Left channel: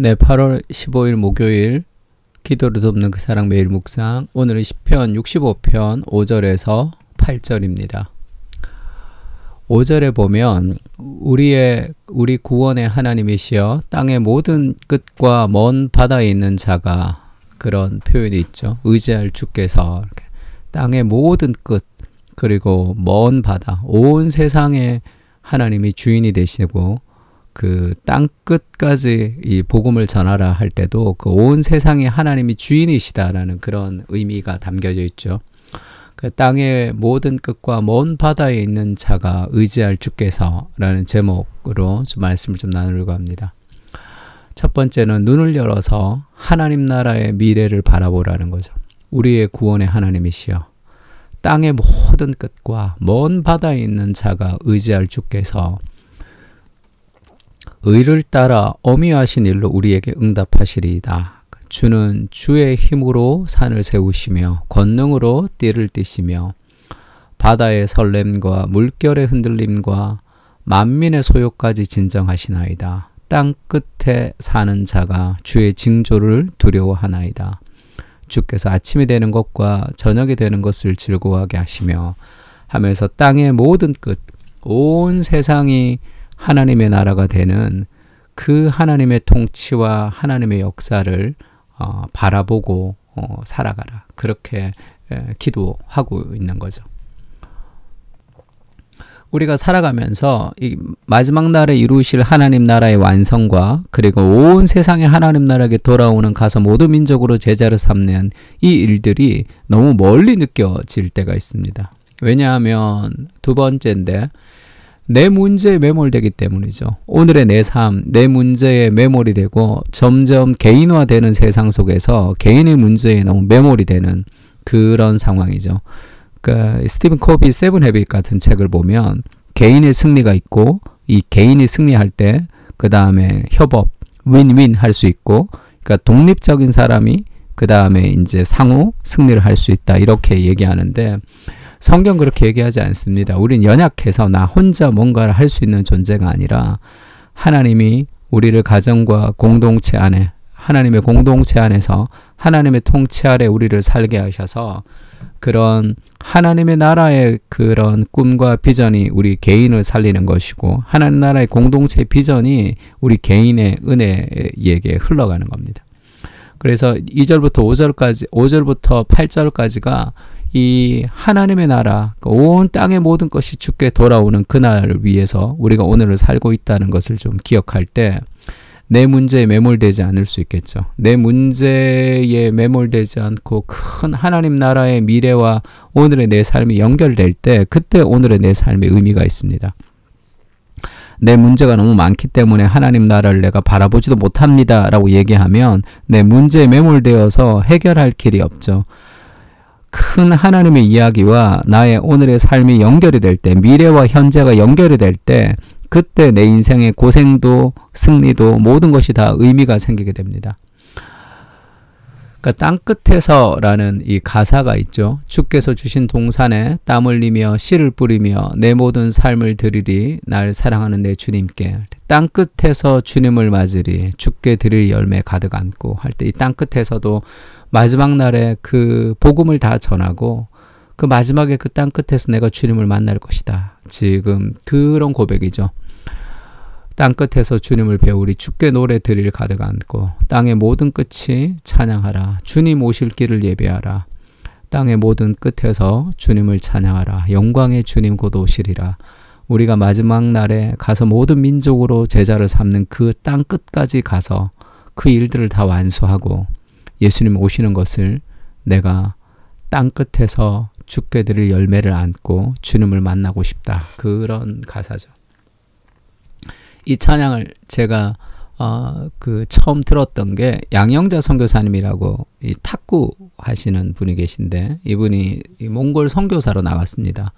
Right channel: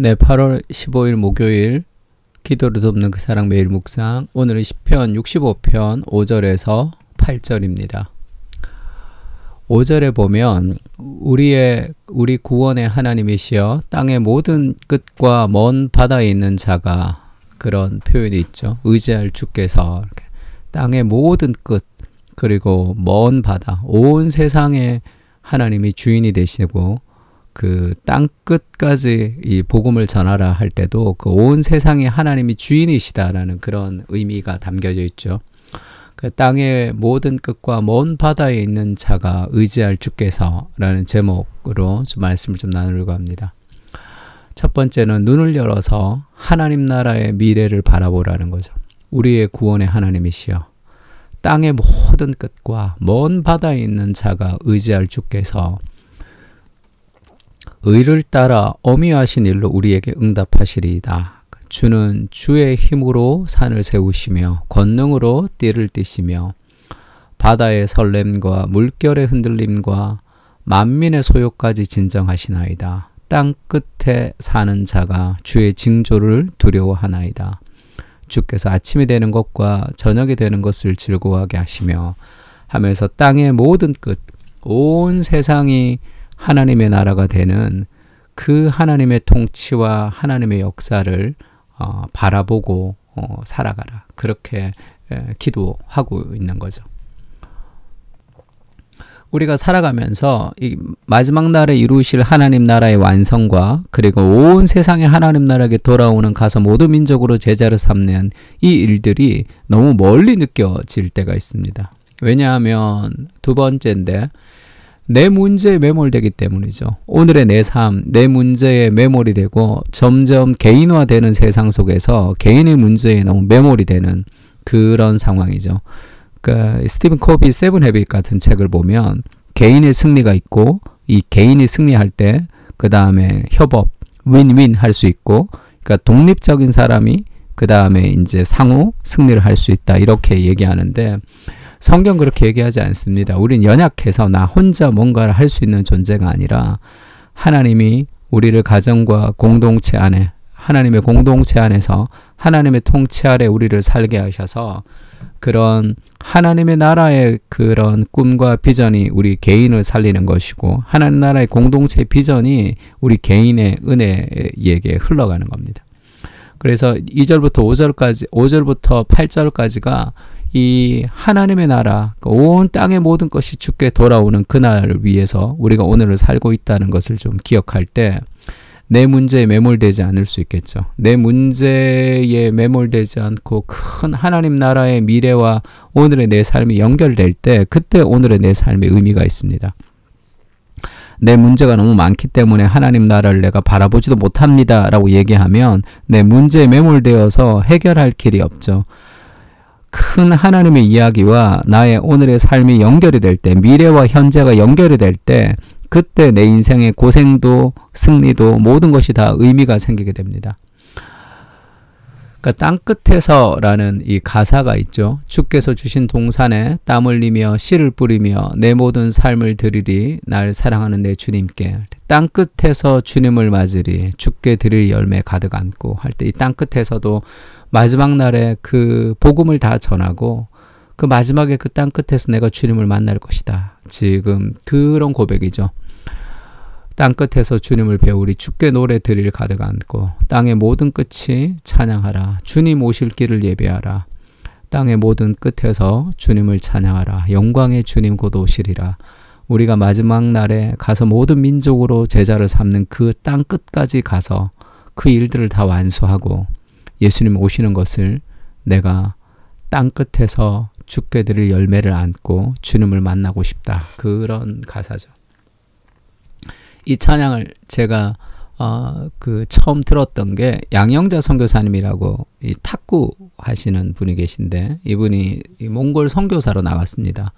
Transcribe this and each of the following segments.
네, 8월 15일 목요일 기도를 돕는 그 사랑 매일 묵상. 오늘은 시편 65편 5절에서 8절입니다. 5절에 보면 우리 구원의 하나님이시여 땅의 모든 끝과 먼 바다에 있는 자가, 그런 표현이 있죠. 의지할 주께서 땅의 모든 끝 그리고 먼 바다, 온 세상의 하나님이 주인이 되시고 그 땅 끝까지 이 복음을 전하라 할 때도 그 온 세상에 하나님이 주인이시다라는 그런 의미가 담겨져 있죠. 그 땅의 모든 끝과 먼 바다에 있는 자가 의지할 주께서라는 제목으로 좀 말씀을 좀 나누려고 합니다. 첫 번째는 눈을 열어서 하나님 나라의 미래를 바라보라는 거죠. 우리의 구원의 하나님이시여 땅의 모든 끝과 먼 바다에 있는 자가 의지할 주께서 의를 따라 어미하신 일로 우리에게 응답하시리이다. 주는 주의 힘으로 산을 세우시며 권능으로 띠를 띠시며 바다의 설렘과 물결의 흔들림과 만민의 소욕까지 진정하시나이다. 땅 끝에 사는 자가 주의 징조를 두려워하나이다. 주께서 아침이 되는 것과 저녁이 되는 것을 즐거워하게 하시며 하면서 땅의 모든 끝, 온 세상이 하나님의 나라가 되는 그 하나님의 통치와 하나님의 역사를 바라보고 살아가라. 그렇게 기도하고 있는 거죠. 우리가 살아가면서 이 마지막 날에 이루실 하나님 나라의 완성과 그리고 온 세상의 하나님 나라에게 돌아오는 가서 모든 민족으로 제자를 삼는 이 일들이 너무 멀리 느껴질 때가 있습니다. 왜냐하면 두 번째인데 내 문제에 매몰되기 때문이죠. 오늘의 내 삶, 내 문제에 매몰이 되고 점점 개인화되는 세상 속에서 개인의 문제에 너무 매몰이 되는 그런 상황이죠. 그러니까 스티븐 코비 세븐 헤빗 같은 책을 보면 개인의 승리가 있고 이 개인이 승리할 때 그 다음에 협업, 윈윈 할 수 있고, 그러니까 독립적인 사람이 그 다음에 이제 상호 승리를 할 수 있다 이렇게 얘기하는데 성경 그렇게 얘기하지 않습니다. 우린 연약해서 나 혼자 뭔가를 할 수 있는 존재가 아니라 하나님이 우리를 가정과 공동체 안에, 하나님의 공동체 안에서 하나님의 통치 아래 우리를 살게 하셔서 그런 하나님의 나라의 그런 꿈과 비전이 우리 개인을 살리는 것이고 하나님 나라의 공동체의 비전이 우리 개인의 은혜에게 흘러가는 겁니다. 그래서 2절부터 5절까지, 5절부터 8절까지가 이 하나님의 나라, 온 땅의 모든 것이 주께 돌아오는 그날을 위해서 우리가 오늘을 살고 있다는 것을 좀 기억할 때 내 문제에 매몰되지 않을 수 있겠죠. 내 문제에 매몰되지 않고 큰 하나님 나라의 미래와 오늘의 내 삶이 연결될 때 그때 오늘의 내 삶의 의미가 있습니다. 내 문제가 너무 많기 때문에 하나님 나라를 내가 바라보지도 못합니다 라고 얘기하면 내 문제에 매몰되어서 해결할 길이 없죠. 큰 하나님의 이야기와 나의 오늘의 삶이 연결이 될 때, 미래와 현재가 연결이 될 때 그때 내 인생의 고생도 승리도 모든 것이 다 의미가 생기게 됩니다. 그러니까 땅 끝에서라는 이 가사가 있죠. 주께서 주신 동산에 땀 흘리며 씨를 뿌리며 내 모든 삶을 드리리 날 사랑하는 내 주님께. 땅 끝에서 주님을 맞으리 주께 드릴 열매 가득 안고 할 때 이 땅 끝에서도 마지막 날에 그 복음을 다 전하고 그 마지막에 그 땅 끝에서 내가 주님을 만날 것이다. 지금 그런 고백이죠. 땅 끝에서 주님을 배우리 주께 노래 드릴 가득 안고 땅의 모든 끝이 찬양하라. 주님 오실 길을 예배하라. 땅의 모든 끝에서 주님을 찬양하라. 영광의 주님 곧 오시리라. 우리가 마지막 날에 가서 모든 민족으로 제자를 삼는 그 땅 끝까지 가서 그 일들을 다 완수하고 예수님 오시는 것을 내가 땅 끝에서 주께 드릴 열매를 안고 주님을 만나고 싶다. 그런 가사죠. 이 찬양을 제가 처음 들었던 게 양영자 선교사님이라고 이 탁구 하시는 분이 계신데 이분이 이 몽골 선교사로 나갔습니다.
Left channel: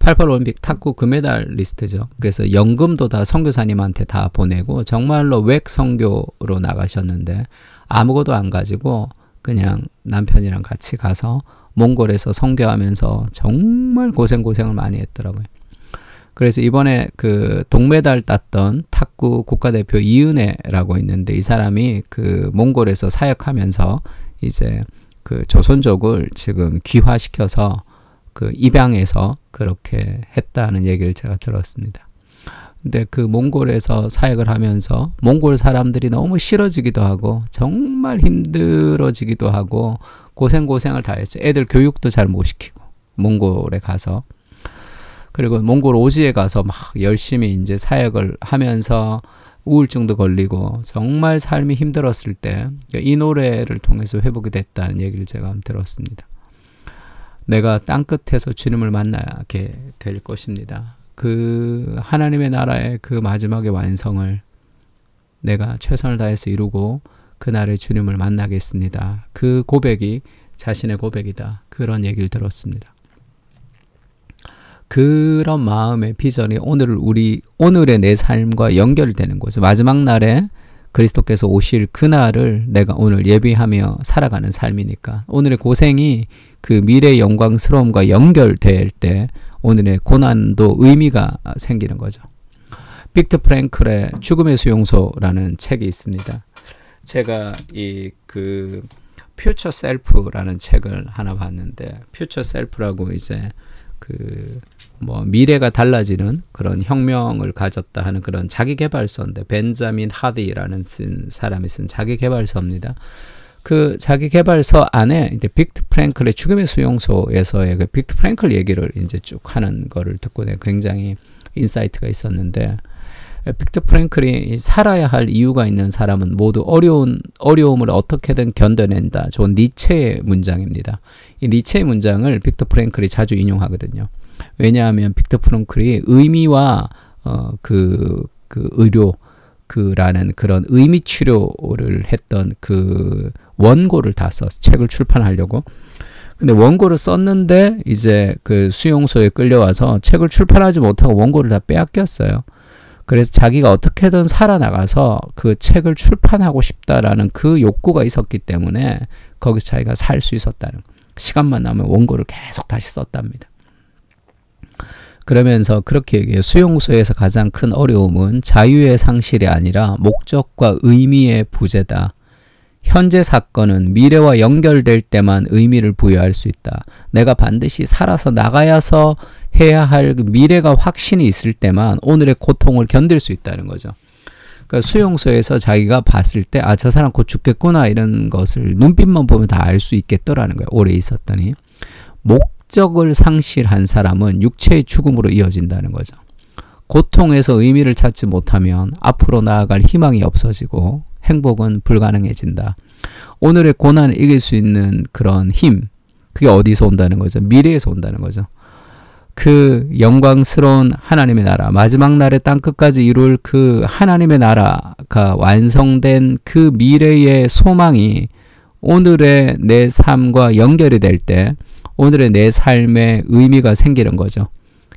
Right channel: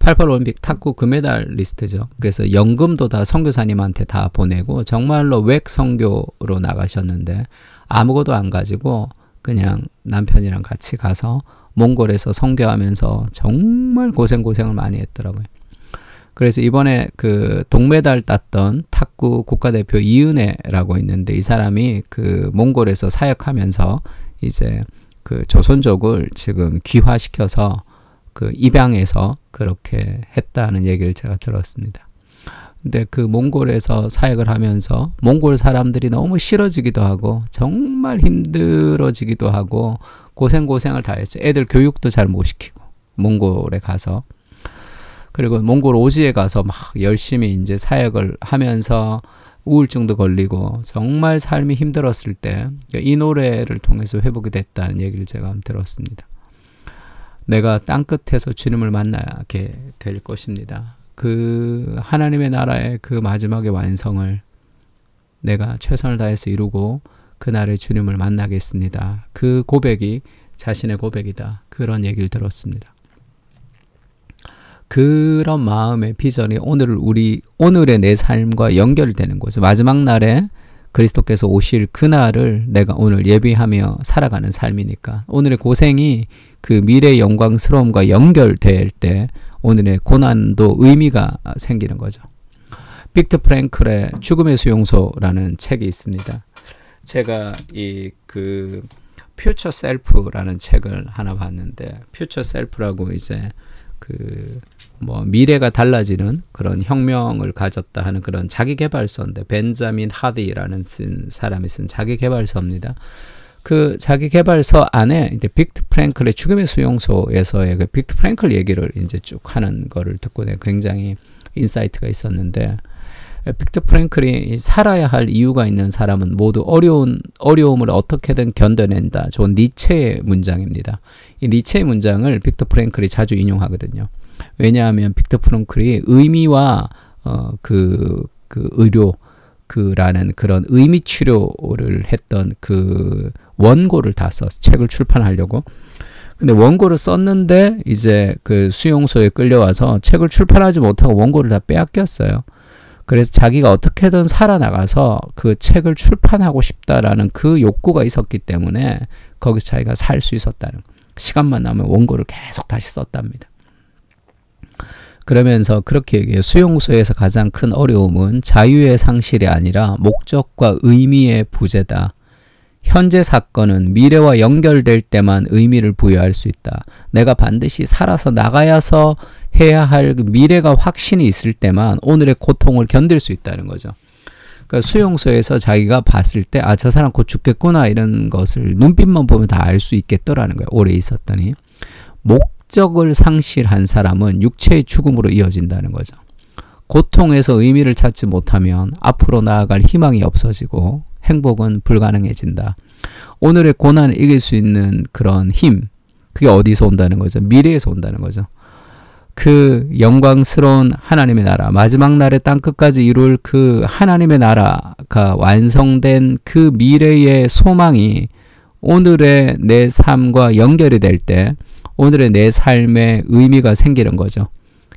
88 올림픽 탁구 금메달리스트죠. 그래서 연금도 다 선교사님한테 다 보내고 정말로 외국 선교로 나가셨는데 아무것도 안 가지고 그냥 남편이랑 같이 가서 몽골에서 선교하면서 정말 고생을 많이 했더라고요. 그래서 이번에 그 동메달 땄던 탁구 국가대표 이은혜라고 있는데 이 사람이 그 몽골에서 사역하면서 이제 그 조선족을 지금 귀화시켜서 그 입양해서 그렇게 했다는 얘기를 제가 들었습니다. 근데 그 몽골에서 사역을 하면서 몽골 사람들이 너무 싫어지기도 하고 정말 힘들어지기도 하고 고생을 다 했죠. 애들 교육도 잘 못 시키고 몽골에 가서 그리고 몽골 오지에 가서 막 열심히 이제 사역을 하면서 우울증도 걸리고 정말 삶이 힘들었을 때 이 노래를 통해서 회복이 됐다는 얘기를 제가 들었습니다. 내가 땅끝에서 주님을 만나게 될 것입니다. 그 하나님의 나라의 그 마지막의 완성을 내가 최선을 다해서 이루고 그날에 주님을 만나겠습니다. 그 고백이 자신의 고백이다. 그런 얘기를 들었습니다. 그런 마음의 비전이 오늘의 내 삶과 연결되는 거죠. 마지막 날에 그리스도께서 오실 그날을 내가 오늘 예비하며 살아가는 삶이니까 오늘의 고생이 그 미래의 영광스러움과 연결될 때 오늘의 고난도 의미가 생기는 거죠. 빅터 프랭클의 죽음의 수용소라는 책이 있습니다. 제가 그 퓨처 셀프라는 책을 하나 봤는데 퓨처 셀프라고 이제 그 뭐 미래가 달라지는 그런 혁명을 가졌다 하는 그런 자기계발서인데 벤자민 하디라는 사람이 쓴 자기계발서입니다. 그 자기계발서 안에 이제 빅터 프랭클의 죽음의 수용소에서의 그 빅터 프랭클 얘기를 이제 쭉 하는 거를 듣고 내가 굉장히 인사이트가 있었는데 빅터 프랭클이 살아야 할 이유가 있는 사람은 모두 어려움을 어떻게든 견뎌낸다. 좋은 니체의 문장입니다. 이 니체의 문장을 빅터 프랭클이 자주 인용하거든요. 왜냐하면 빅터 프랭클이 의미와 그 의료라는 그런 의미 치료를 했던 그 원고를 다 썼어. 책을 출판하려고. 근데 원고를 썼는데 이제 그 수용소에 끌려와서 책을 출판하지 못하고 원고를 다 빼앗겼어요. 그래서 자기가 어떻게든 살아나가서 그 책을 출판하고 싶다라는 그 욕구가 있었기 때문에 거기서 자기가 살 수 있었다는 시간만 나면 원고를 계속 다시 썼답니다. 그러면서 그렇게 얘기해요. 수용소에서 가장 큰 어려움은 자유의 상실이 아니라 목적과 의미의 부재다. 현재 사건은 미래와 연결될 때만 의미를 부여할 수 있다. 내가 반드시 살아서 나가야서 해야 할 미래가 확신이 있을 때만 오늘의 고통을 견딜 수 있다는 거죠. 그러니까 수용소에서 자기가 봤을 때 아, 저 사람 곧 죽겠구나 이런 것을 눈빛만 보면 다 알 수 있겠더라는 거예요. 오래 있었더니. 목적을 상실한 사람은 육체의 죽음으로 이어진다는 거죠. 고통에서 의미를 찾지 못하면 앞으로 나아갈 희망이 없어지고 행복은 불가능해진다. 오늘의 고난을 이길 수 있는 그런 힘, 그게 어디서 온다는 거죠? 미래에서 온다는 거죠. 그 영광스러운 하나님의 나라, 마지막 날의 땅끝까지 이룰 그 하나님의 나라가 완성된 그 미래의 소망이 오늘의 내 삶과 연결이 될 때 오늘의 내 삶에 의미가 생기는 거죠.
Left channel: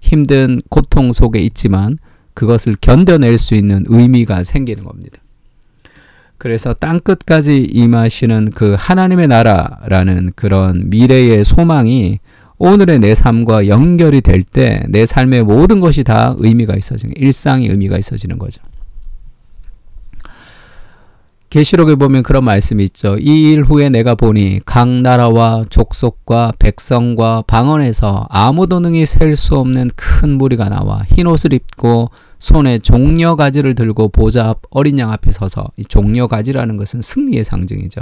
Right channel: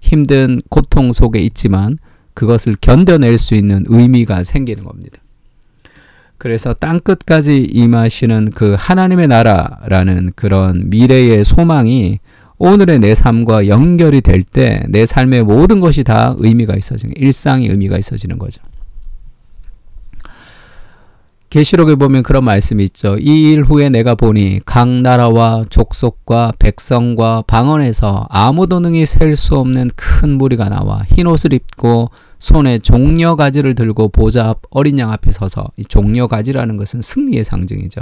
힘든 고통 속에 있지만 그것을 견뎌낼 수 있는 의미가 생기는 겁니다. 그래서 땅끝까지 임하시는 그 하나님의 나라라는 그런 미래의 소망이 오늘의 내 삶과 연결이 될 때 내 삶의 모든 것이 다 의미가 있어지는, 일상이 의미가 있어지는 거죠. 계시록에 보면 그런 말씀이 있죠. 이 일 후에 내가 보니 각 나라와 족속과 백성과 방언에서 아무도 능히 셀 수 없는 큰 무리가 나와 흰 옷을 입고 손에 종려가지를 들고 보좌 앞 어린 양 앞에 서서, 이 종려가지라는 것은 승리의 상징이죠.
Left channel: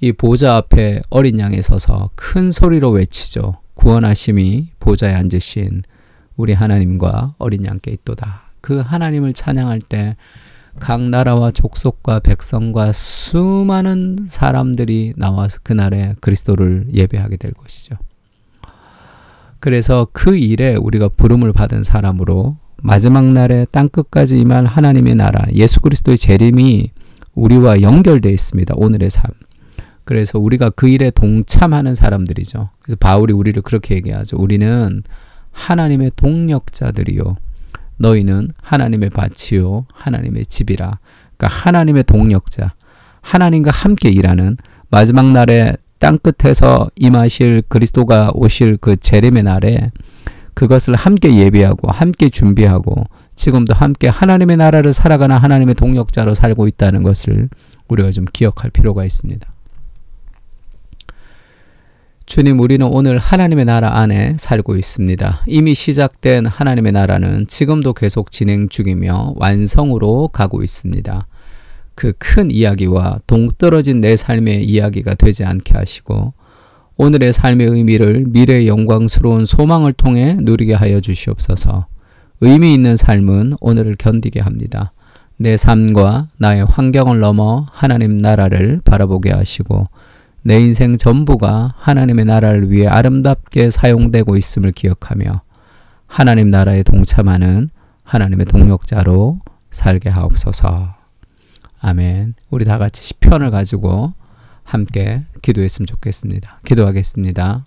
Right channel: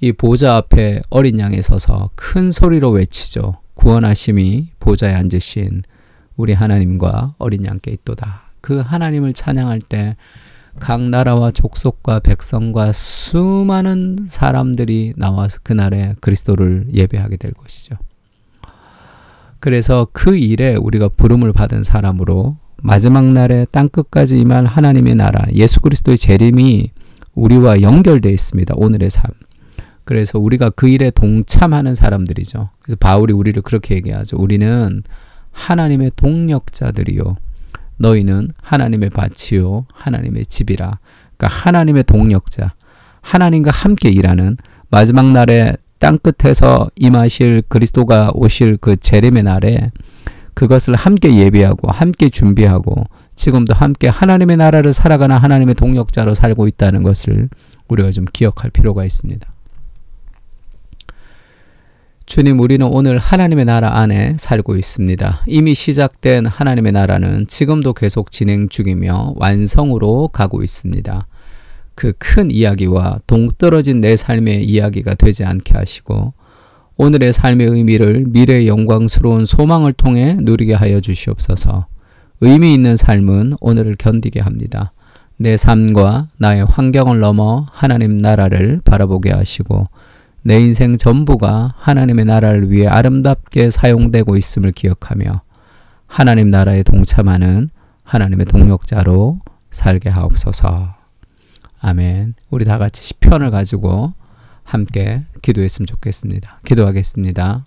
이 보좌 앞에 어린 양에 서서 큰 소리로 외치죠. 구원하심이 보좌에 앉으신 우리 하나님과 어린 양께 있도다. 그 하나님을 찬양할 때 각 나라와 족속과 백성과 수많은 사람들이 나와서 그날에 그리스도를 예배하게 될 것이죠. 그래서 그 일에 우리가 부름을 받은 사람으로 마지막 날에 땅끝까지 임할 하나님의 나라, 예수 그리스도의 재림이 우리와 연결되어 있습니다. 오늘의 삶. 그래서 우리가 그 일에 동참하는 사람들이죠. 그래서 바울이 우리를 그렇게 얘기하죠. 우리는 하나님의 동력자들이요. 너희는 하나님의 밭이요 하나님의 집이라. 그러니까 하나님의 동력자, 하나님과 함께 일하는 마지막 날에 땅끝에서 임하실 그리스도가 오실 그 재림의 날에 그것을 함께 예비하고 함께 준비하고 지금도 함께 하나님의 나라를 살아가는 하나님의 동역자로 살고 있다는 것을 우리가 좀 기억할 필요가 있습니다. 주님, 우리는 오늘 하나님의 나라 안에 살고 있습니다. 이미 시작된 하나님의 나라는 지금도 계속 진행 중이며 완성으로 가고 있습니다. 그 큰 이야기와 동떨어진 내 삶의 이야기가 되지 않게 하시고 오늘의 삶의 의미를 미래의 영광스러운 소망을 통해 누리게 하여 주시옵소서. 의미 있는 삶은 오늘을 견디게 합니다. 내 삶과 나의 환경을 넘어 하나님 나라를 바라보게 하시고 내 인생 전부가 하나님의 나라를 위해 아름답게 사용되고 있음을 기억하며 하나님 나라에 동참하는 하나님의 동역자로 살게 하옵소서. 아멘. 우리 다 같이 시편을 가지고 함께 기도했으면 좋겠습니다. 기도하겠습니다.